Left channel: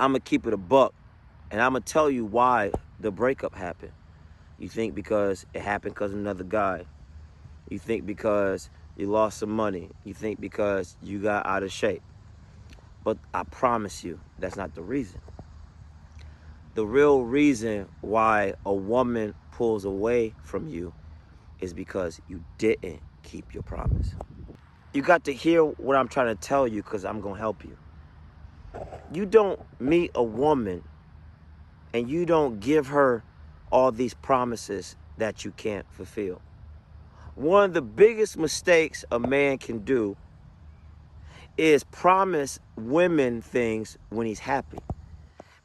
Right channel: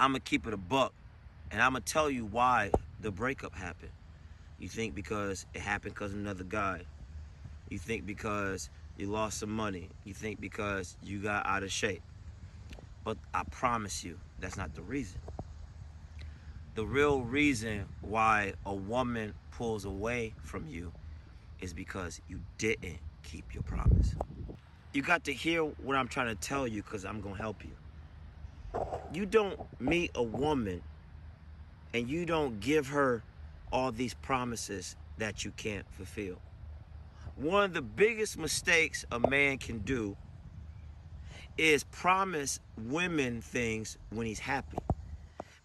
I'm going to keep it a buck, and I'm going to tell you why the breakup happened. You think because it happened because of another guy. You think because you lost some money. You think because you got out of shape. But I promise you, that's not the reason. The real reason why a woman pulls away from you is because you didn't keep your promise. You got to hear what I'm trying to tell you, because I'm going to help you. You don't meet a woman and you don't give her all these promises that you can't fulfill. One of the biggest mistakes a man can do is promise women things when he's happy.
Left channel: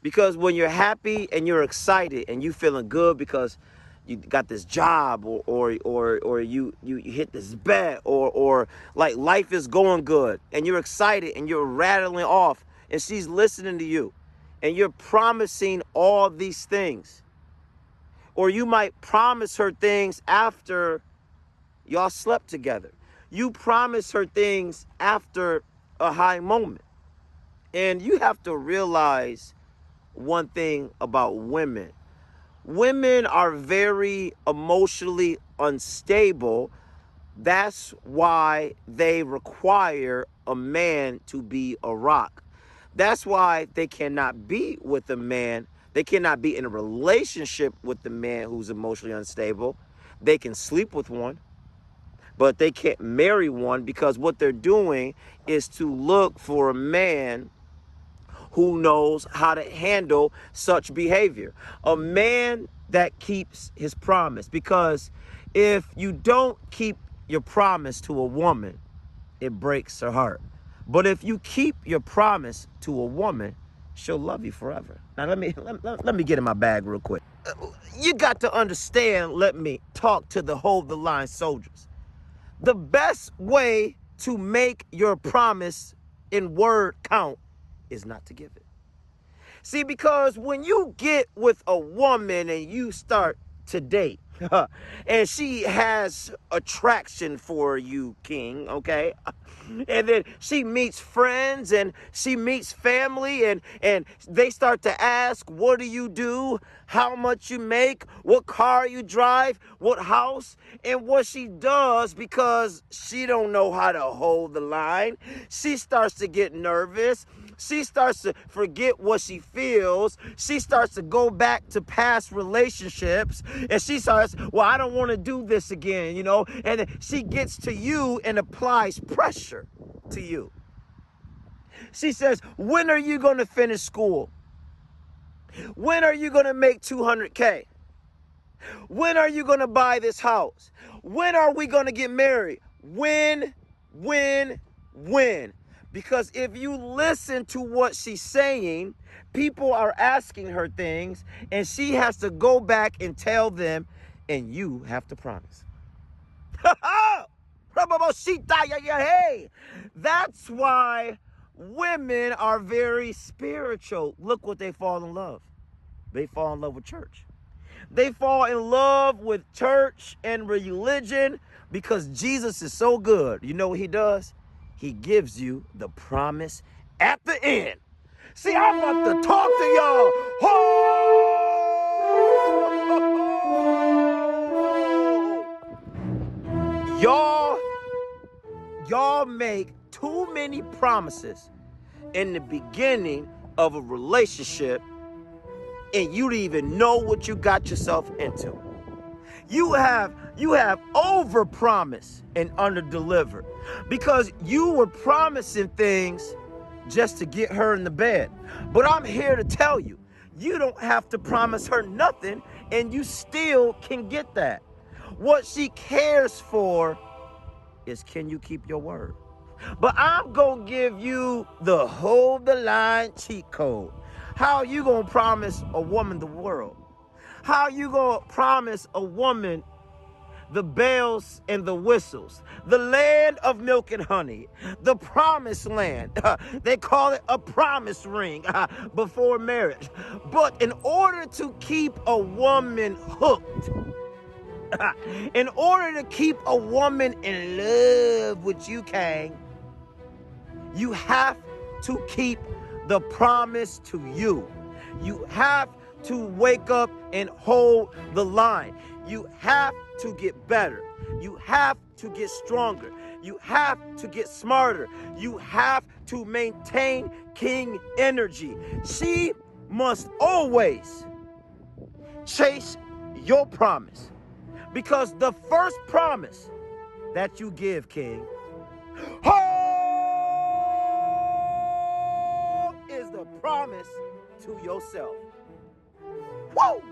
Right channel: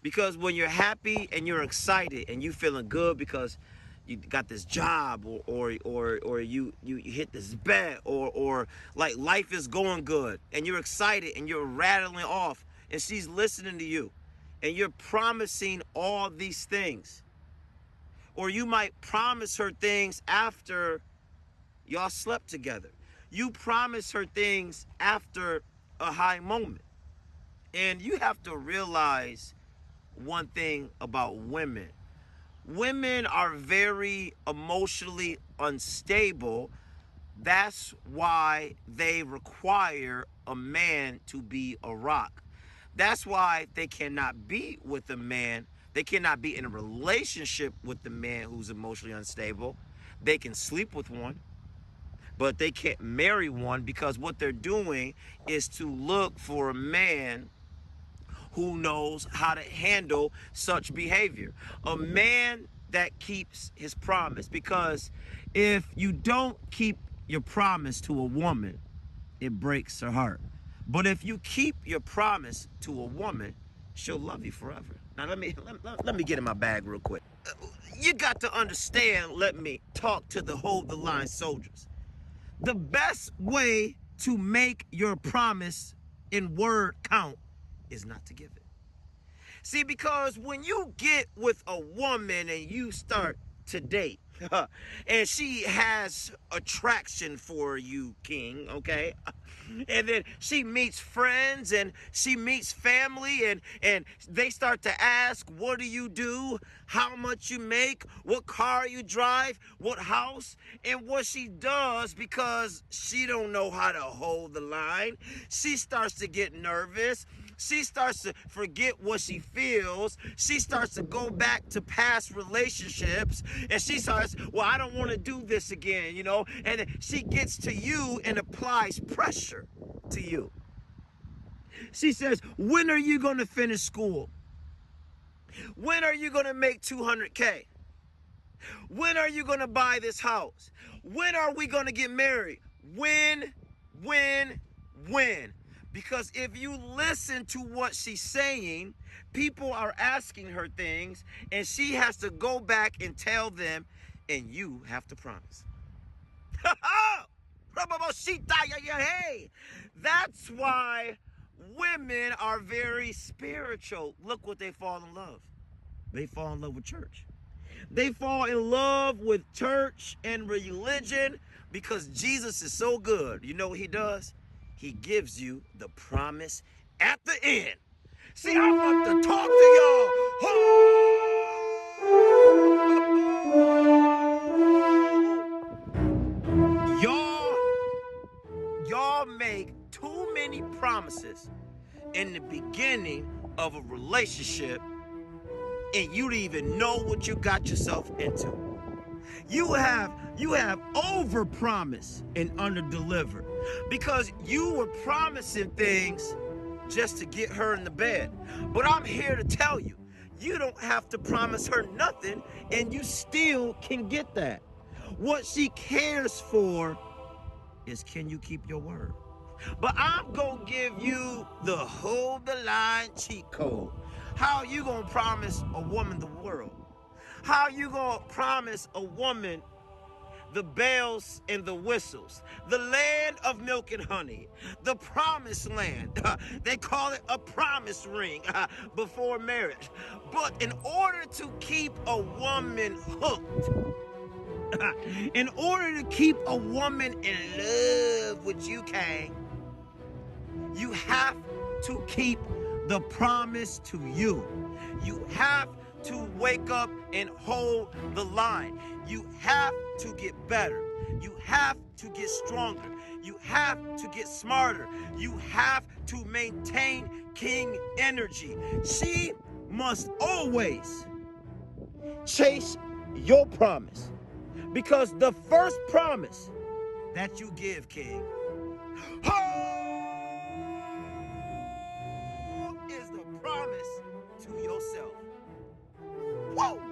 Because when you're happy and you're excited and you feeling good because you got this job or you hit this bet or like life is going good and you're excited and you're rattling off and she's listening to you and you're promising all these things. Or you might promise her things after y'all slept together. You promise her things after a high moment. And you have to realize one thing about women. Women are very emotionally unstable. That's why they require a man to be a rock. That's why they cannot be with a man. They cannot be in a relationship with the man who's emotionally unstable. They can sleep with one, but they can't marry one, because what they're doing is to look for a man who knows how to handle such behavior. A man that keeps his promise. Because if you don't keep your promise to a woman, it breaks her heart. But if you keep your promise to a woman, she'll love you forever. Now let me get in my bag real quick. You got to understand, let me talk to the hold the line soldiers. The best way to make your promise in word count is not to give it. See, because when you get with a woman and you start to date, and she has attraction for you, King, okay? And then she meets friends and she meets family and they start to ask, what do you do? How much you make? What car you drive? What house? And what she does, because she don't know how to hold the line, she starts to get nervous. She starts to forget what she feels. She starts to go back to past relationships. And she starts, well, I don't want to do this again, you know. And then she gets to you and applies pressure to you. She says, when are you going to finish school? When are you going to make 200K? When are you going to buy this house? When are we going to get married? When? Because if you listen to what she's saying, people are asking her things and she has to go back and tell them, and you have to promise. That's why women are very spiritual. Look what they fall in love. They fall in love with church. They fall in love with church and religion because Jesus is so good. You know what he does? He gives you the promise at the end. See, I want to talk to y'all. Y'all make too many promises in the beginning of a relationship, and you don't even know what you got yourself into. You have overpromised and underdelivered because you were promising things just to get her in the bed. But I'm here to tell you, you don't have to promise her nothing and you still can get that. What she cares for is, can you keep your word? But I'm going to give you the hold the line cheat code. How you going to promise a woman the world? How you going to promise a woman the bells and the whistles, the land of milk and honey, the promised land? They call it a promise ring before marriage. But in order to keep a woman hooked, in order to keep a woman in love with you, Kang, you have to keep the promise to you. You have to wake up and hold the line. You have to get better. You have to get stronger. You have to get smarter. You have to maintain king energy. She must always chase your promise, because the first promise that you give, king, is the promise to yourself. Woo!